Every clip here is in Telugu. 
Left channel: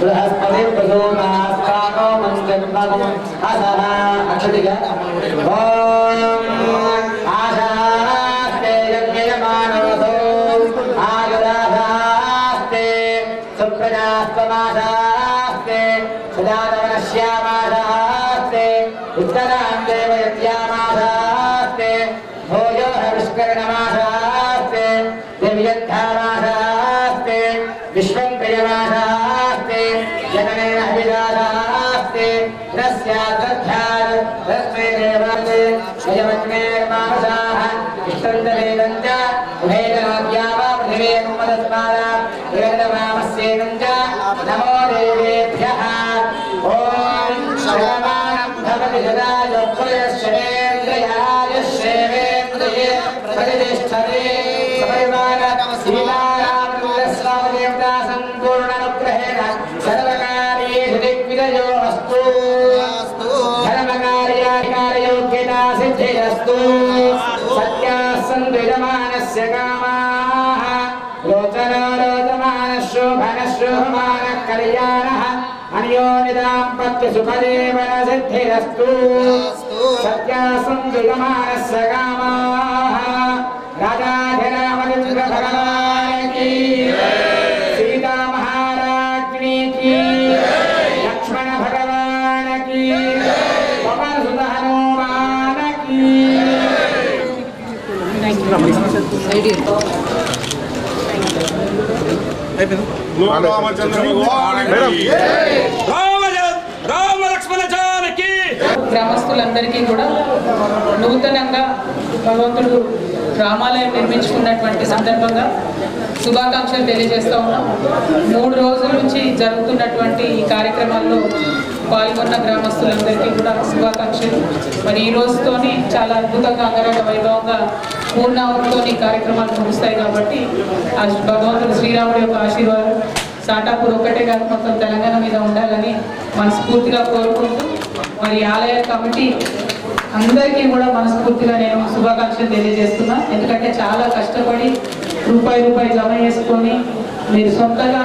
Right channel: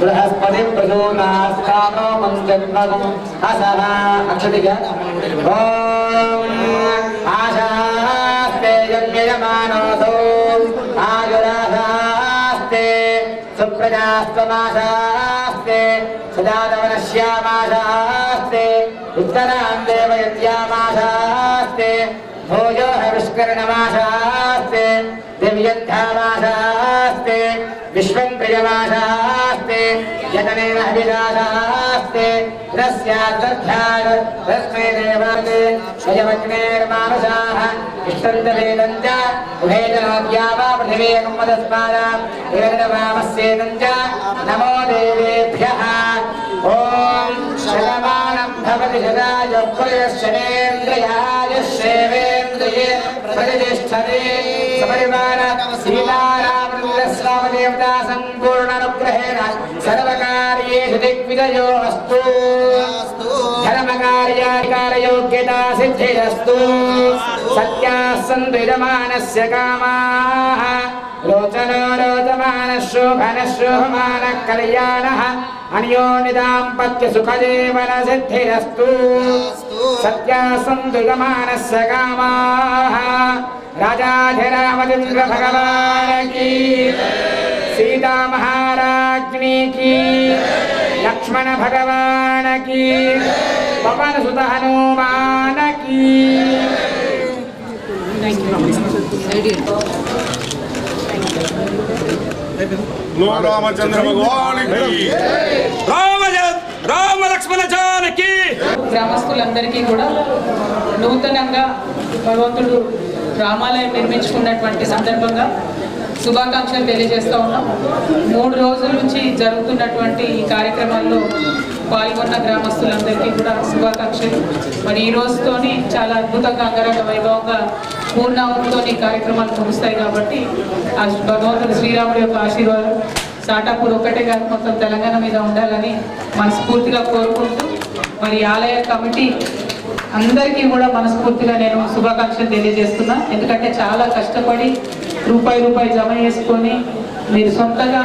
बृहस्पति प्रसूनास्तानो मंजन्मगं असना अक्षतिगा आशास्ते यज्ञयमानोऽसो आयुराशास्ते सुप्रजास्त्वमाशास्ते सदानवनश्यामाशास्ते उत्तरां देवयत्यामाशास्ते भोजो हविष्करणमाशास्ते दिव्यद्धामाशास्ते विश्वं प्रियमाशास्ते यतनेन हविषाशास्ते रस्याद्वध्याय रस्मे देवाते स्वयमग्नेर्मानसाः इष्टन्तवेदं च उभयजनोद्या वा पृथिवीमुमदस्मादां वेदवामस्येदं च नमो देवेभ्यः ॐ शतमानं भवति शतायुः श्रेवेन्द्रिये प्रतिष्ठते सपरिवार सीतारामचन्द्रस्वामिदेवता सम्पूर्णानुग्रहेण सर्वकार्येषु दिग्विजयो अस्तु धर्मकार्याधिकारयोग्यता सिद्धिरस्तु सत्याः सन्तु यजमानस्य कामाः रोचनो रोचमानः शोभनः शोभमानः कल्याणः अन्योन्यदाम्पत्य सुखजीवन सिद्धिरस्तु सत्याः सन्तु यजमानस्य कामाः राजाधिरामचन्द्र भगवान की सीता महाराज्ञी की लक्ष्मण भगवान की पवन सुत हनुमान की रामचंद्र भगवान की రామ లక్ష్మణ జానకి. గ్రామస్తులందరికీ కూడా నూతనంగా భగవంతుడు రామాలయం నిర్మించుకున్నటువంటి సందర్భంగా శుభాకాంక్షలు తెలియజేస్తూ ఉన్నాం. 3 రోజుల నుంచి జరుగుతున్నటువంటి ఈ కార్యక్రమాల్లో పాల్గొన్న గ్రామస్తులందరికీ కూడా శుభాకాంక్షలు. మరి ఈ రోజుతోని చాలా అద్భుతంగా అంగరంగ వైభవంగా పూర్ణావతితో కార్యక్రమాలు ముగుస్తాయి కాబట్టి ఆ భగవంతుడు శ్రీరాముడి యొక్క ఆశీర్వాదం సాటాపూర్ ఒక్కటే కాదు మొత్తం తెలంగాణ మీద ఉండాలని మనస్ఫూర్తిగా కోరుకుంటూ మరి ఆలయ కమిటీ అందరికీ కూడా మనస్ఫూర్తిగా నేను శుభాకాంక్షలు తెలియజేస్తున్నా. ఎందుకంటే చాలా కష్టపడి రూపాయి జమ చేసుకొని మీరు సొంతగా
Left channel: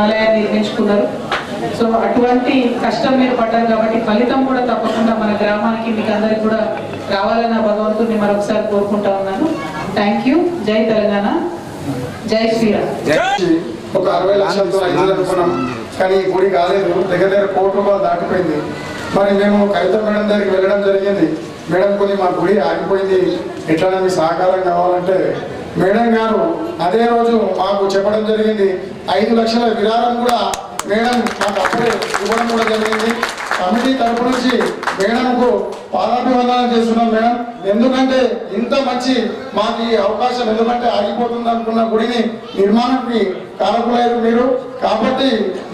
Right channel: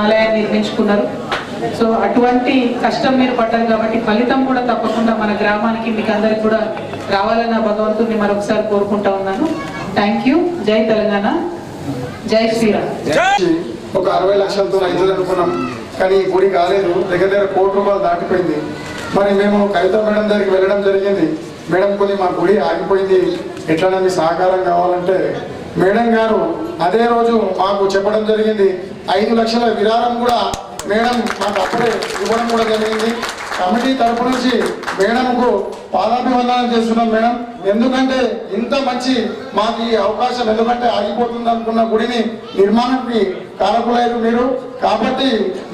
ఆలయాన్ని నిర్మించుకున్నారు. సో అటువంటి కష్టం మీరు పడ్డారు కాబట్టి ఫలితం కూడా తప్పకుండా మన గ్రామానికి మీకు అందరికి కూడా రావాలన్న భగవంతుడిని మరొకసారి కోరుకుంటా ఉన్నాను. Thank you. జై తెలంగాణ, జై శ్రీరామ్. ఒక 60 లక్షలతో ఐదు అనుకున్నాం కానీ గుడి కాలేదు. దగ్గర ₹1 కోటి దాటిపోయింది. మరి మేము కవిత మేడం దగ్గరికి వెళ్ళడం జరిగింది. మేడం కొన్ని మా గుడి ఆగిపోయింది, ఎట్లన్నా మీ సహకారం కావాలంటే మేడం గారు అదే రోజు మాకు చెప్పడం జరిగింది. 5 లక్షల విరాళం కూడా మేడం మాకు అప్పుడే ఇవ్వడం కూడా జరిగింది. కమిటీ తరపు నుంచి మేడంకు పాదాభివందనం చేస్తున్నాం మేడం. ఎందుకంటే ఇంత మంచి మాకు ఈ అవకాశం ఎందుకంటే ఆగిపోతుంది అనుకున్న గుడిని నిర్మాణానికి కారకులయ్యారు మీరు. కాబట్టి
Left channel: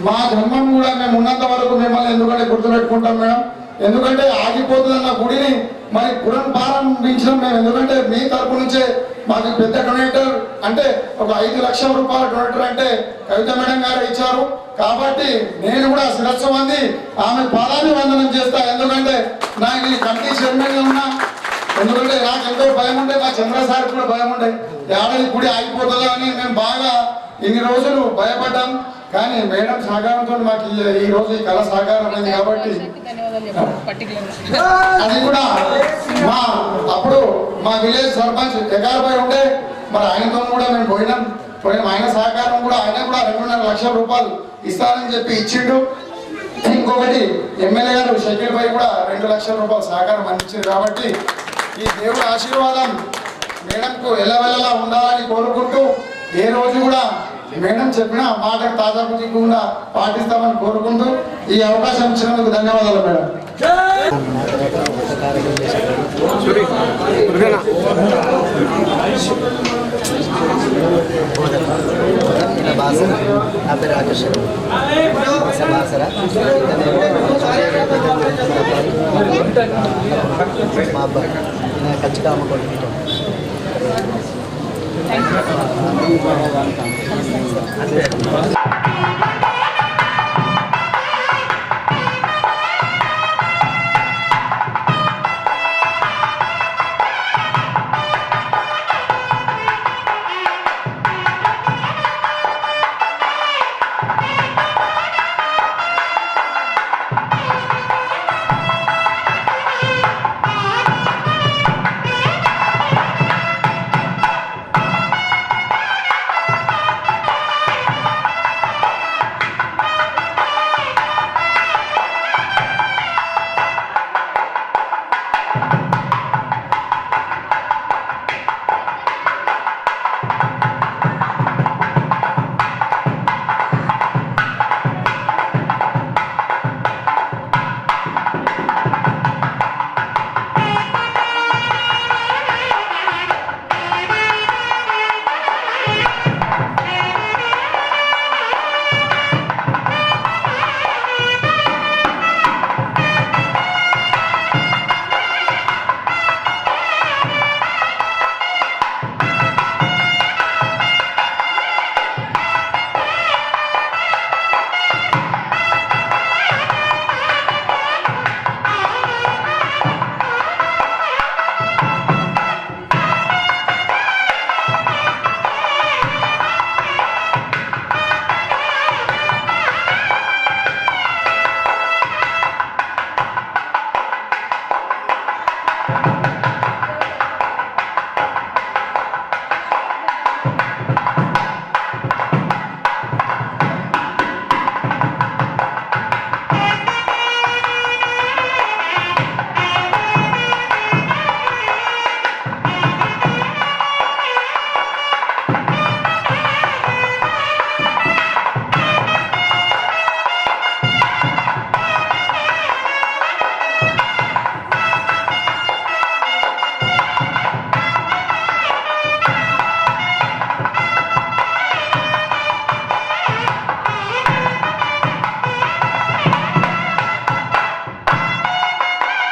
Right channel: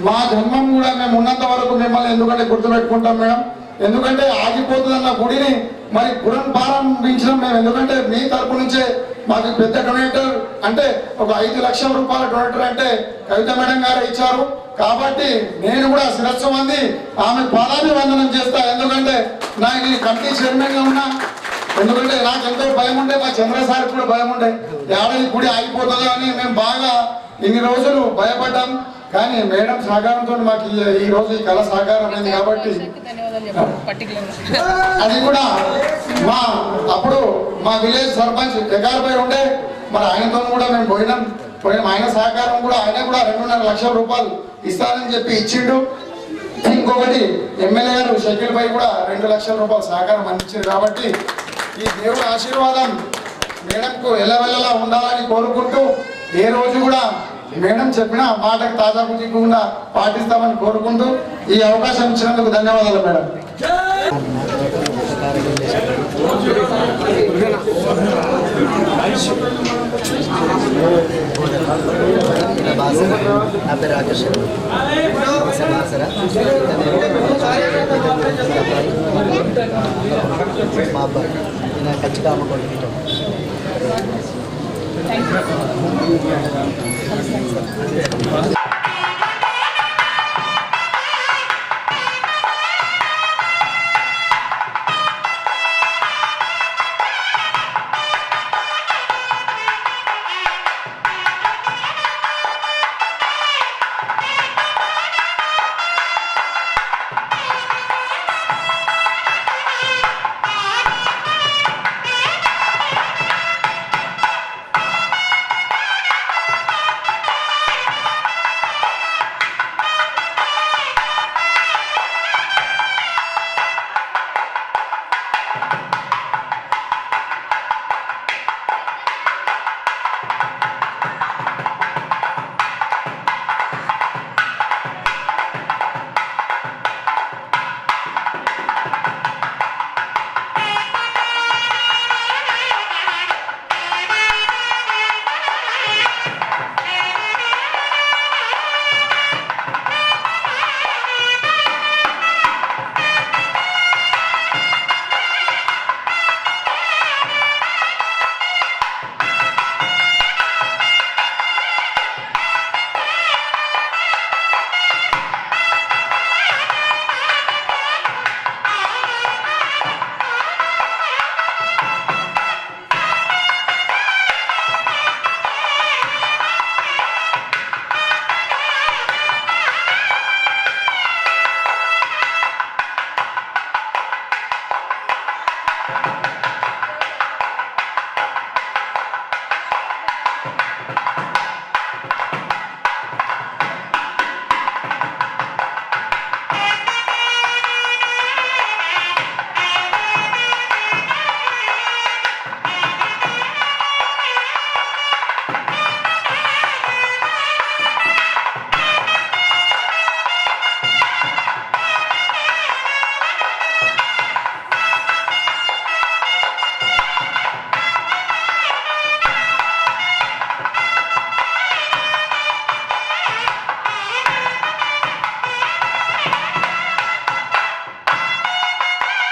మా జన్మం కూడా మేము ఉన్నంత వరకు మిమ్మల్ని ఎందుకంటే గుర్తుపెట్టుకుంటాం మేడం. ఎందుకంటే ఆగిపోతుందన్న గుడిని మరి పునఃప్రారంభించడం మేము ఎందుకంటే మీ తరపు నుంచే మాకు పెద్ద డొనేటర్ అంటే ఒక ₹5 లక్షల డొనేటర్ అంటే కవిత మేడం గారు ఇచ్చారు. కాబట్టి నేను కూడా శిరస్సు వంది ఆమె పాదాభివందనం చేస్తా. ఎందుకంటే నాకు ఈ కమిటీ చైర్మన్గా ఉన్నా, ఎందుకంటే నాకు ఎంతో భయం ఉండే, మా చంద్రసారి కూడా భయం ఉండే ఏడాది గుడి ఆగిపోతుందో అని మేము బాగా ఇన్ని రోజులు భయపడ్డాం. కానీ మేడం సహకారంతో మాకు ఈ రోజు ఈ కళ సహకారం అయింది. కాబట్టి అది కూడా అప్పుడు మా విలేజ్ సర్పంచ్ ఎగారిపై ఉండే మరి ఆయనతో కూడా మేము పోయినాం. ఆయన సహకారం కూడా ఆయన కూడా ₹2.5 లక్షల ఇస్తానని చెప్పి ఇచ్చిండు. ఇంకొకటి ఎమ్మెల్యే గారు షకీల్ పై కూడా ₹2 లక్షల సహకారం అందించారు. కాబట్టి ఈ దేవుడి ఆశీర్వాదం మేడంకు ఎల్లవెల్లలా ఉండాలని కోరుకుంటూ ఏ రోజు కూడా మేడం చెప్పిన మాటకు తాజా పుంజకుండా పాటిస్తామని కోరుకుంటూ ఈ అవకాశం ఇచ్చినందుకు ధన్యవాదాలు మేడం. నా పేరు రాకేష్ మా అబ్బాయి నేను ఖచ్చితంగా అమ్ముకోండి.